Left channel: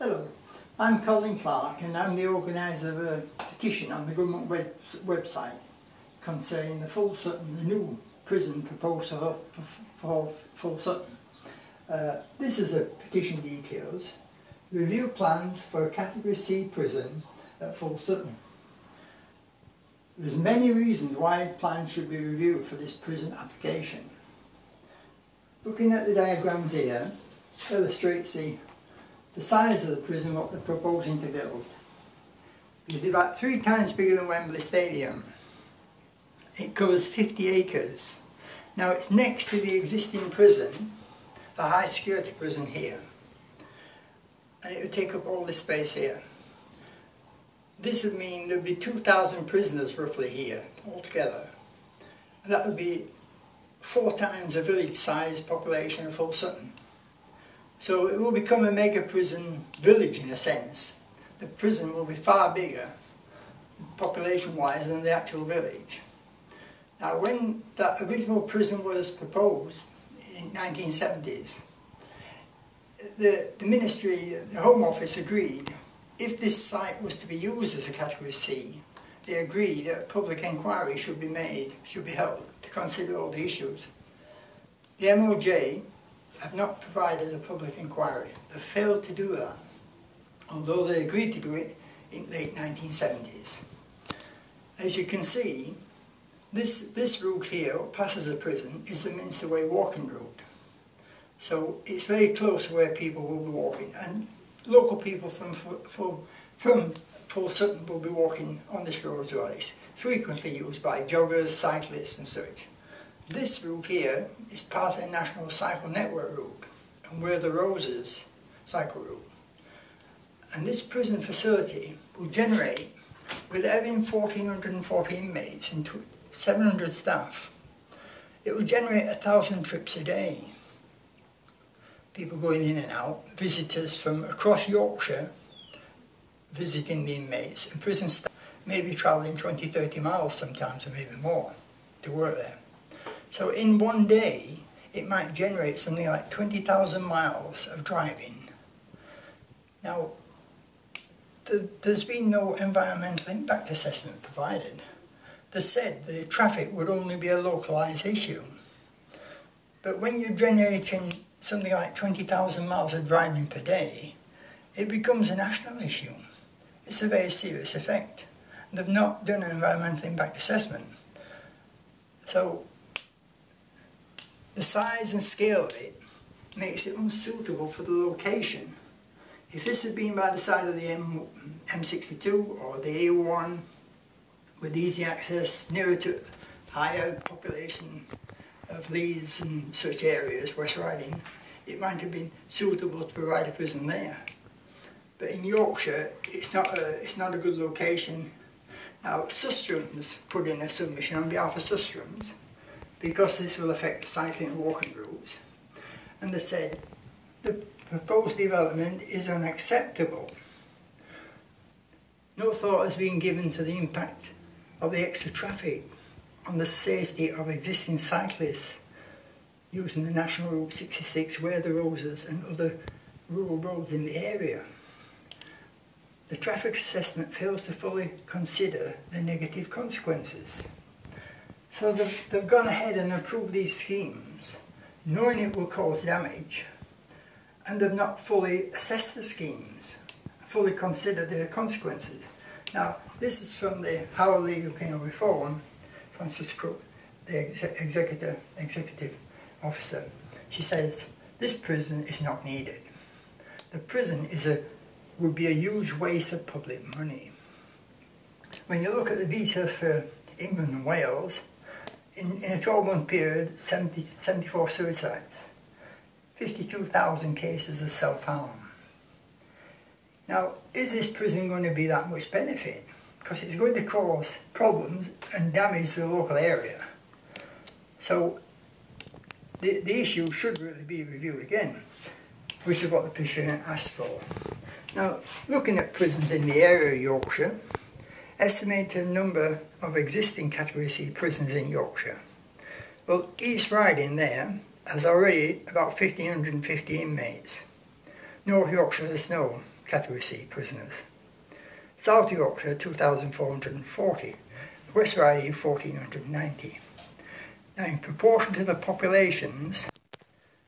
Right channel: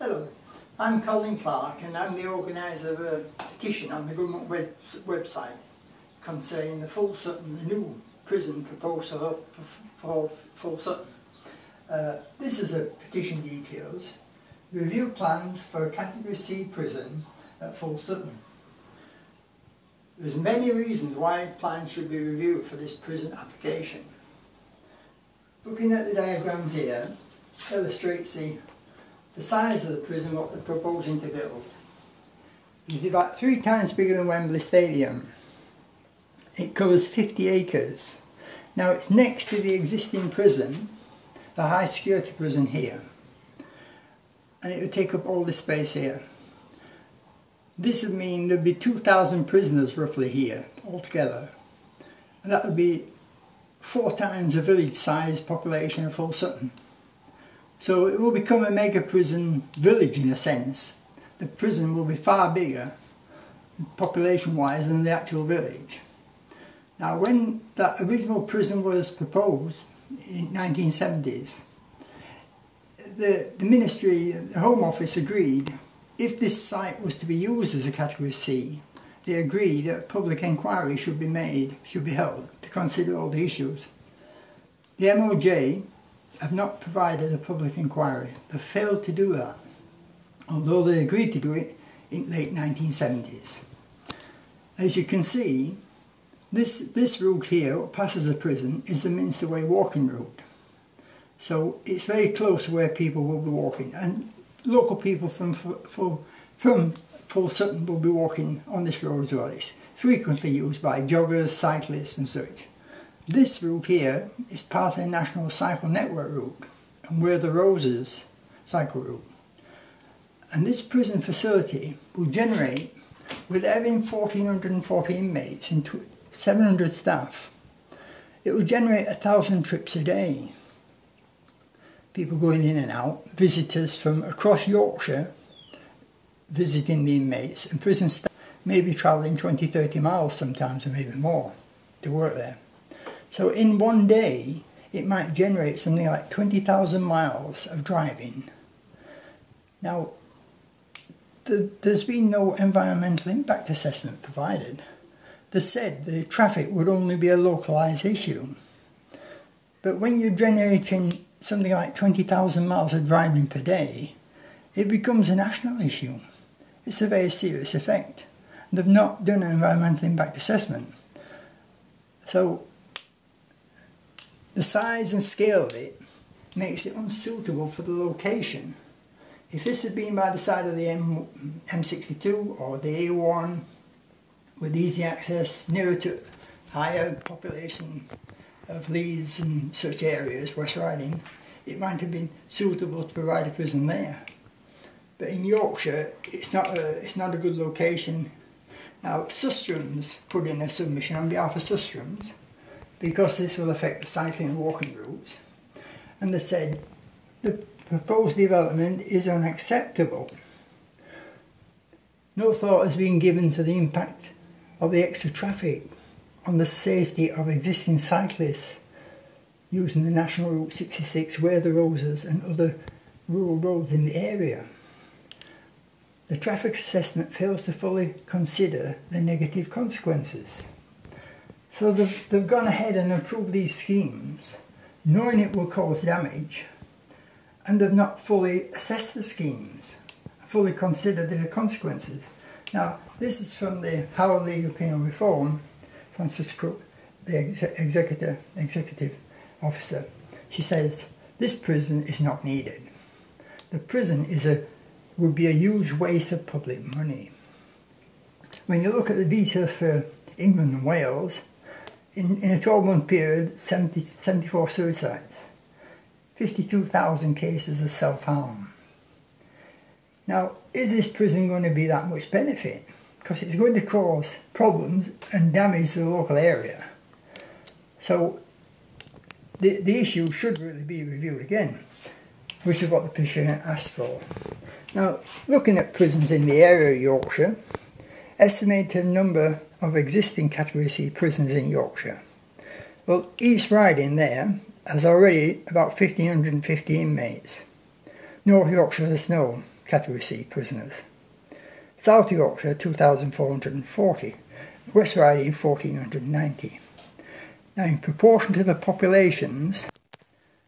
Hello, I'm Colin Clark and I'm the organiser of a petition on the government website concerning the Full Sutton, the new prison proposed for Full Sutton. This is a petition details. Review plans for a Category C prison at Full Sutton. There's many reasons why plans should be reviewed for this prison application. Looking at the diagrams here illustrates the size of the prison what they're proposing to build. It's about 3 times bigger than Wembley Stadium. It covers 50 acres. Now it's next to the existing prison, the high security prison here. And it would take up all this space here. This would mean there'd be 2,000 prisoners roughly here altogether. And that would be 4 times the village size population of Full Sutton. So it will become a mega prison village in a sense. The prison will be far bigger population wise than the actual village. Now when that original prison was proposed in 1970s, the Ministry, the Home Office agreed if this site was to be used as a Category C, they agreed that a public inquiry should be held to consider all the issues. The MOJ have not provided a public inquiry. They failed to do that, although they agreed to do it in late 1970s. As you can see, this route here, what passes the prison, is the Minster Way walking route. So it's very close to where people will be walking, and local people from Full Sutton will be walking on this road as well. It's frequently used by joggers, cyclists and such. This route here is part of the National Cycle Network route and we're the Roses cycle route. And this prison facility will generate, with having 1,440 inmates and 700 staff, it will generate 1,000 trips a day. People going in and out, visitors from across Yorkshire visiting the inmates, and prison staff may be travelling 20-30 miles sometimes, or maybe more, to work there. So in one day, it might generate something like 20,000 miles of driving. Now, there's been no environmental impact assessment provided. They said the traffic would only be a localised issue. But when you're generating something like 20,000 miles of driving per day, it becomes a national issue. It's a very serious effect. They've not done an environmental impact assessment. So the size and scale of it makes it unsuitable for the location. If this had been by the side of the M62 or the A1 with easy access nearer to higher population of Leeds and such areas, West Riding, it might have been suitable to provide a prison there. But in Yorkshire, it's not a good location. Now, Sustrum's put in a submission on behalf of Sustrum's, because this will affect the cycling and walking routes, and they said the proposed development is unacceptable. No thought has been given to the impact of the extra traffic on the safety of existing cyclists using the National Route 66, Where the Roses and other rural roads in the area. The traffic assessment fails to fully consider the negative consequences. So they've gone ahead and approved these schemes, knowing it will cause damage, and they've not fully assessed the schemes, fully considered the consequences. Now, this is from the How Legal Penal Reform, Frances Crook, the executive officer. She says, this prison is not needed. The prison would be a huge waste of public money. When you look at the details for England and Wales, in a 12-month period, 74 suicides, 52,000 cases of self-harm. Now, is this prison going to be that much benefit? Because it's going to cause problems and damage to the local area. So, the issue should really be reviewed again, which is what the petition asked for. Now, looking at prisons in the area of Yorkshire, estimated number of existing Category C prisons in Yorkshire. Well, East Riding there has already about 1,550 inmates. North Yorkshire has no. Category C prisoners. South Yorkshire 2,440, West Riding 1,490. Now in proportion to the populations,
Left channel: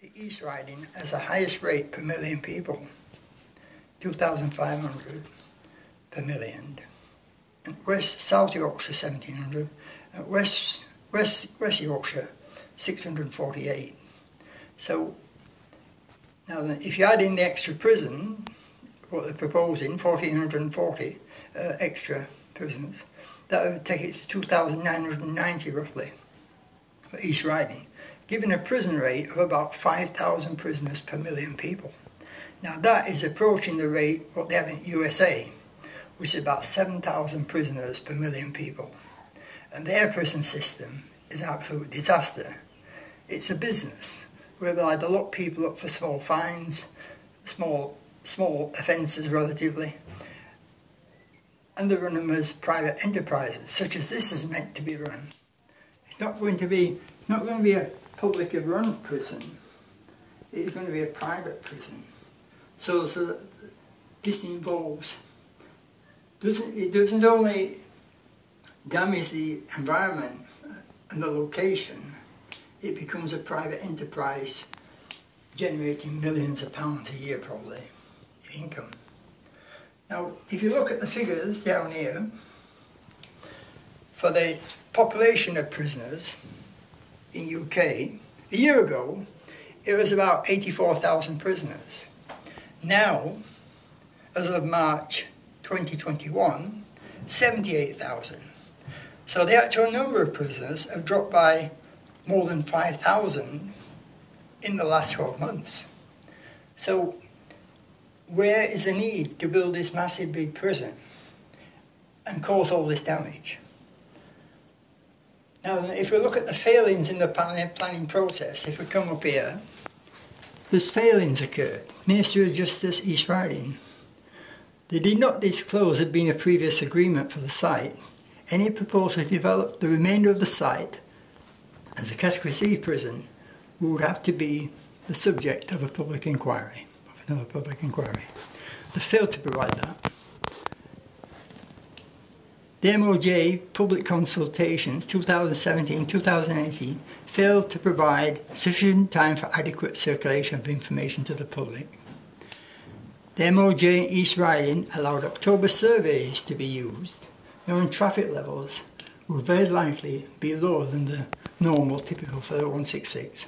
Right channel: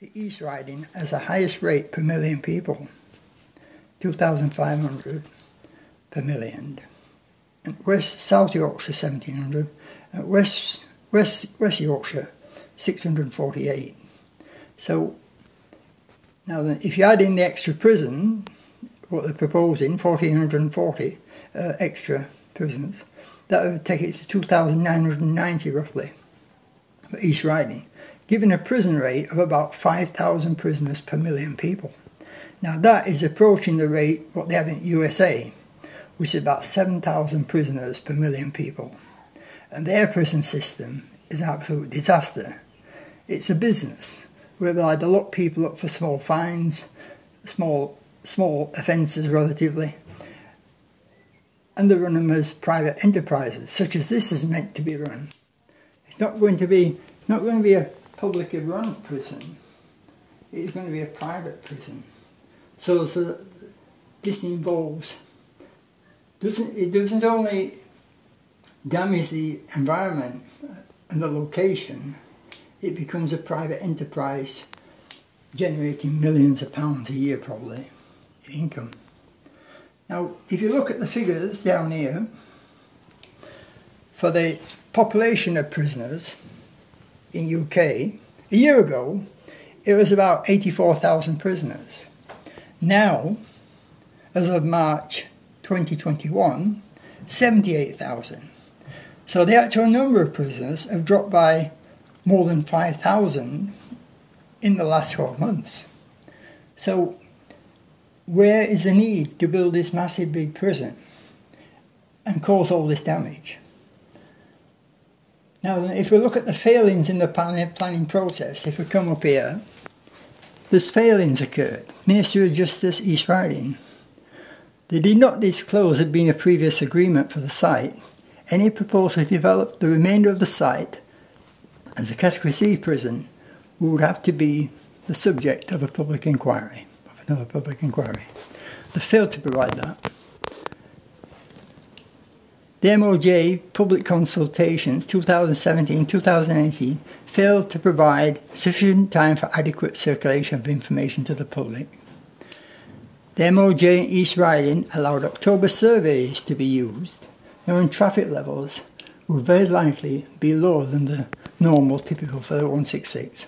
the East Riding has the highest rate per million people, 2,500 per million. And South Yorkshire 1,700, and West Yorkshire 648. So now then, if you add in the extra prison, what they're proposing, 1,440 extra prisons, that would take it to 2,990 roughly for East Riding, giving a prison rate of about 5,000 prisoners per million people. Now that is approaching the rate what they have in USA, which is about 7,000 prisoners per million people. And their prison system is an absolute disaster. It's a business whereby they lock people up for small fines, small offences relatively, and they run them as private enterprises, such as this is meant to be run. It's not going to be a publicly run prison. It's going to be a private prison. So this involves, it doesn't only damage the environment and the location, it becomes a private enterprise generating millions of pounds a year probably in income. Now if you look at the figures down here, for the population of prisoners in UK, a year ago it was about 84,000 prisoners. Now, as of March 2021, 78,000. So the actual number of prisoners have dropped by more than 5,000 in the last 12 months. So where is the need to build this massive big prison and cause all this damage? Now if we look at the failings in the planning process, if we come up here, there's failings occurred. Ministry of Justice, East Riding. They did not disclose there being a previous agreement for the site. Any proposal to develop the remainder of the site as a Category C prison would have to be the subject of a public inquiry, of another public inquiry. They failed to provide that. The MOJ public consultations 2017-2018 failed to provide sufficient time for adequate circulation of information to the public. The MOJ in East Riding allowed October surveys to be used, knowing traffic levels will very likely be lower than the normal typical for the 166.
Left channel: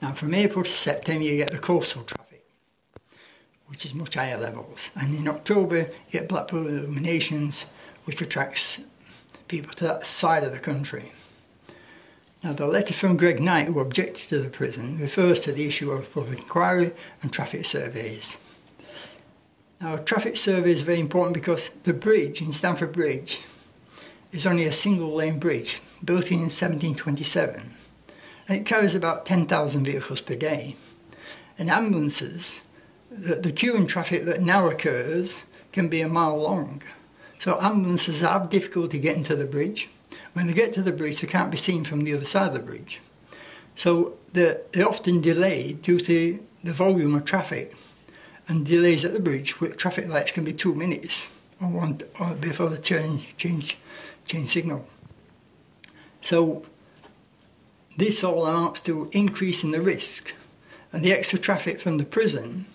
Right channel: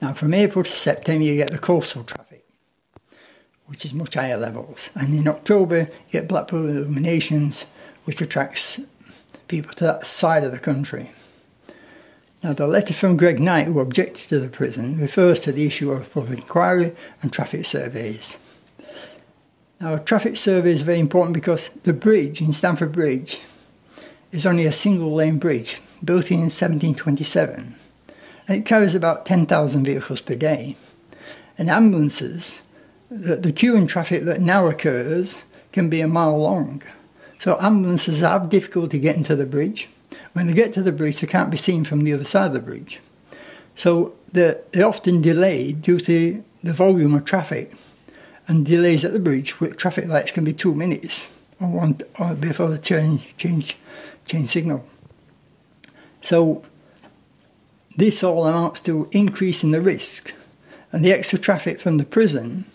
Now from April to September you get the coastal traffic, which is much higher levels, and in October you get Blackpool illuminations, which attracts people to that side of the country. Now the letter from Greg Knight, who objected to the prison, refers to the issue of public inquiry and traffic surveys. Now a traffic survey is very important because the bridge in Stamford Bridge is only a single lane bridge built in 1727, and it carries about 10,000 vehicles per day. And ambulances, the queue in traffic that now occurs can be a mile long. So ambulances have difficulty getting to the bridge. When they get to the bridge, they can't be seen from the other side of the bridge. So they're often delayed due to the volume of traffic. And delays at the bridge with traffic lights can be 2 minutes or before the change signal. So this all amounts to increasing the risk. And the extra traffic from the prison,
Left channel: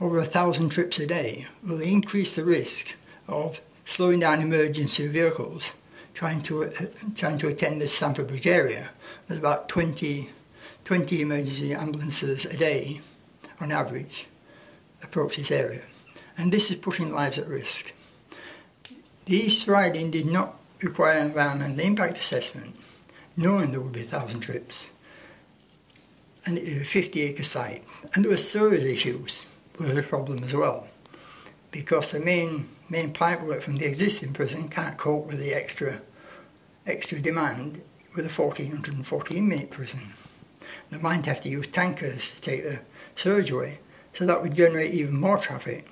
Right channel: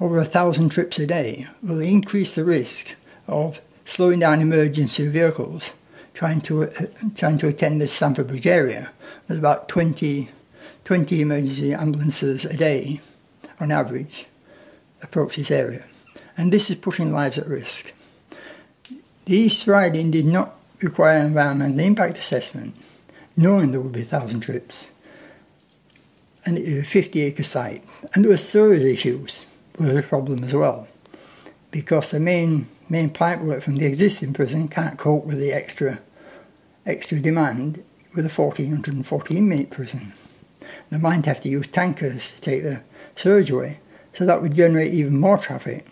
over 1,000 trips a day, will increase the risk of slowing down emergency vehicles trying to attend the Stamford Bridge area. There's about 20 emergency ambulances a day on average approach this area, and this is putting lives at risk. The East Riding did not require an environmental impact assessment, knowing there would be 1,000 trips, and it was a 50-acre site, and there were storage issues with a problem as well, because the main pipework from the existing prison can't cope with the extra demand with a 1,440 inmate prison. They might have to use tankers to take the surge away, so that would generate even more traffic.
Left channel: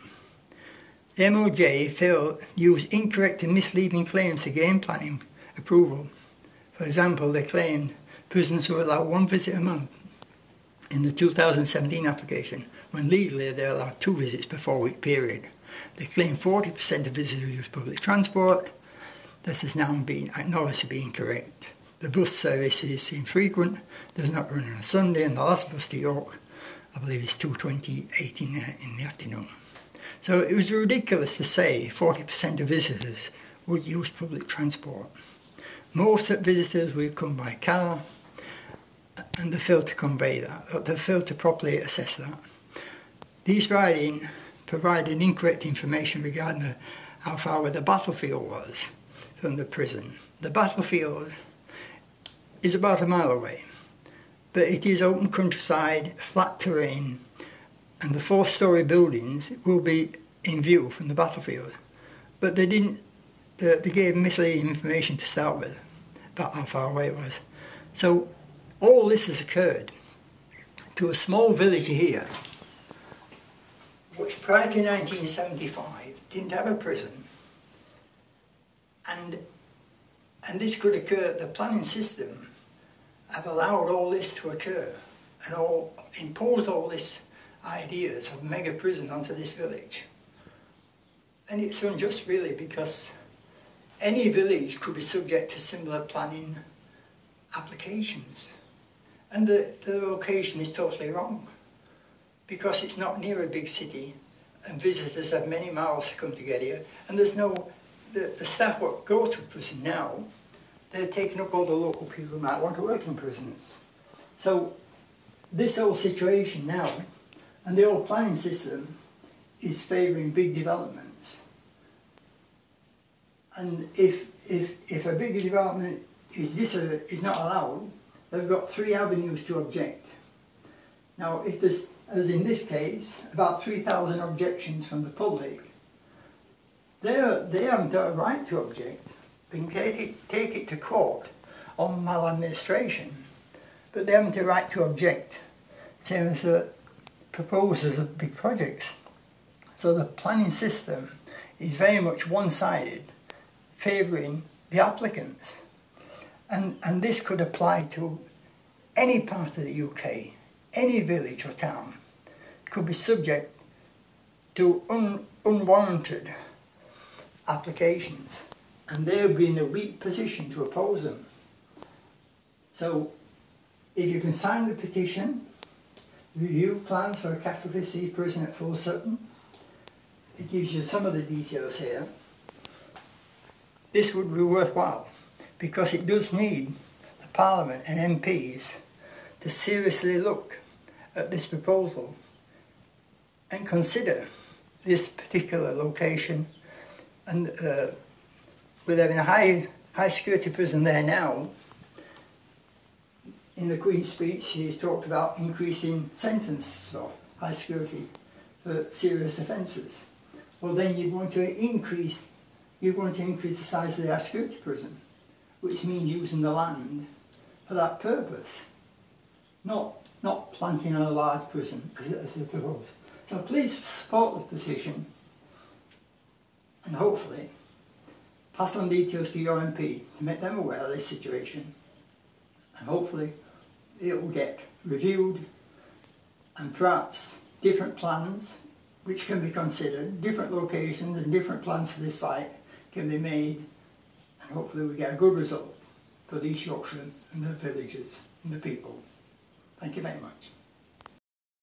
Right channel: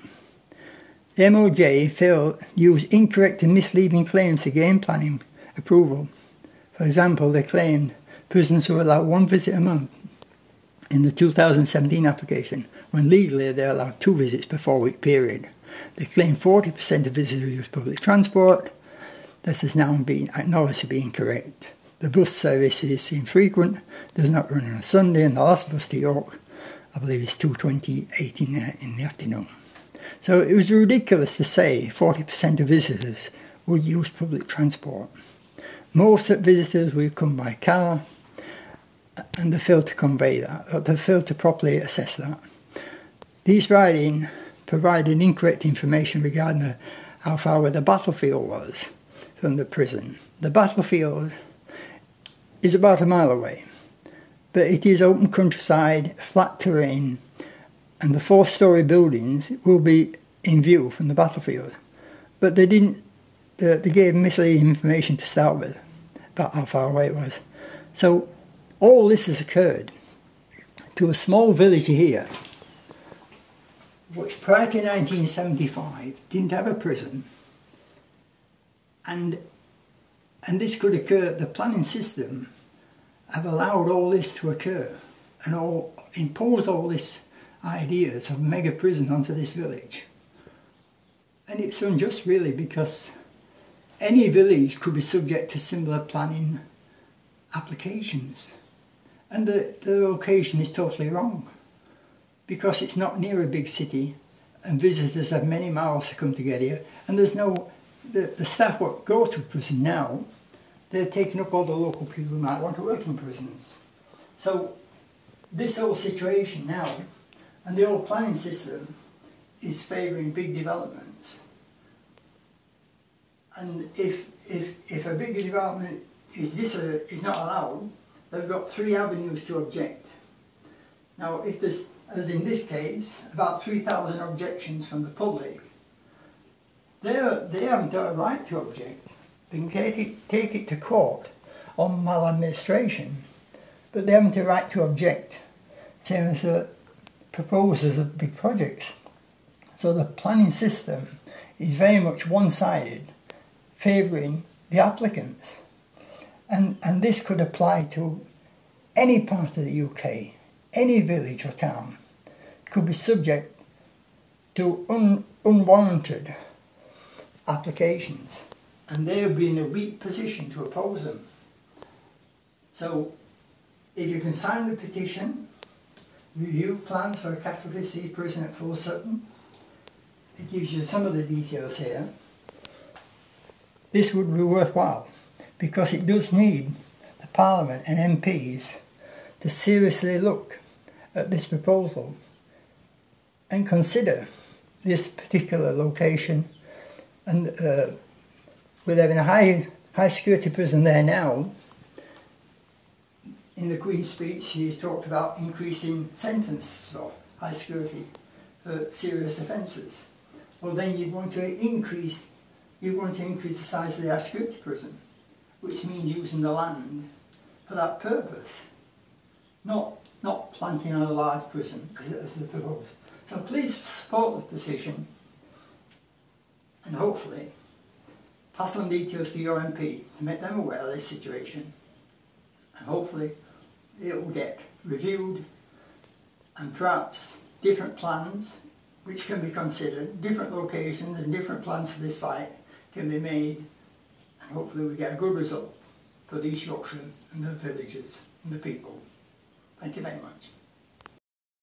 The MOJ used incorrect and misleading claims to gain planning approval. For example, they claimed prisons were allowed 1 visit a month in the 2017 application, when legally they're allowed 2 visits per 4-week period. They claim 40% of visitors use public transport. This has now been acknowledged to be incorrect. The bus service is infrequent, does not run on a Sunday, and the last bus to York, I believe, is 2:28 in the afternoon. So it was ridiculous to say 40% of visitors would use public transport. Most visitors would come by car, and they failed to convey that, they failed to properly assess that. These writings provided incorrect information regarding how far away the battlefield was from the prison. The battlefield is about a mile away, but it is open countryside, flat terrain, and the 4-storey buildings will be in view from the battlefield. But they gave misleading information to start with about how far away it was. So all this has occurred to a small village here, which prior to 1975 didn't have a prison, and this could occur. The planning system have allowed all this to occur and imposed all these ideas of mega prison onto this village. And it's unjust really, because any village could be subject to similar planning applications, and the location is totally wrong, because it's not near a big city and visitors have many miles to come to get here, and there's no, the staff what go to prison now, they're taking up all the local people who might want to work in prisons. So this whole situation now, and the whole planning system, is favouring big developments. And if a big development is not allowed, they've got 3 avenues to object. Now, if there's, as in this case, about 3,000 objections from the public, they haven't got a right to object. They can take it to court on maladministration, but they haven't a right to object, same as the proposers of big projects. So the planning system is very much one-sided, favouring the applicants. And this could apply to any part of the UK, any village or town could be subject to unwarranted applications, and they would be in a weak position to oppose them. So if you can sign the petition, review plans for a category C prison at Full Sutton, it gives you some of the details here. This would be worthwhile, because it does need the Parliament and MPs to seriously look at this proposal and consider this particular location. And with having a high security prison there now, in the Queen's speech she's talked about increasing sentences of high security for serious offences. Well, then you'd want to increase the size of the high security prison, which means using the land for that purpose, not planting on a large prison as they propose. So please support the petition, and hopefully pass on details to your MP to make them aware of this situation, and hopefully it will get reviewed, and perhaps different plans which can be considered, different locations and different plans for this site can be made, and hopefully we get a good result for East Yorkshire and the villages and the people. Thank you very much.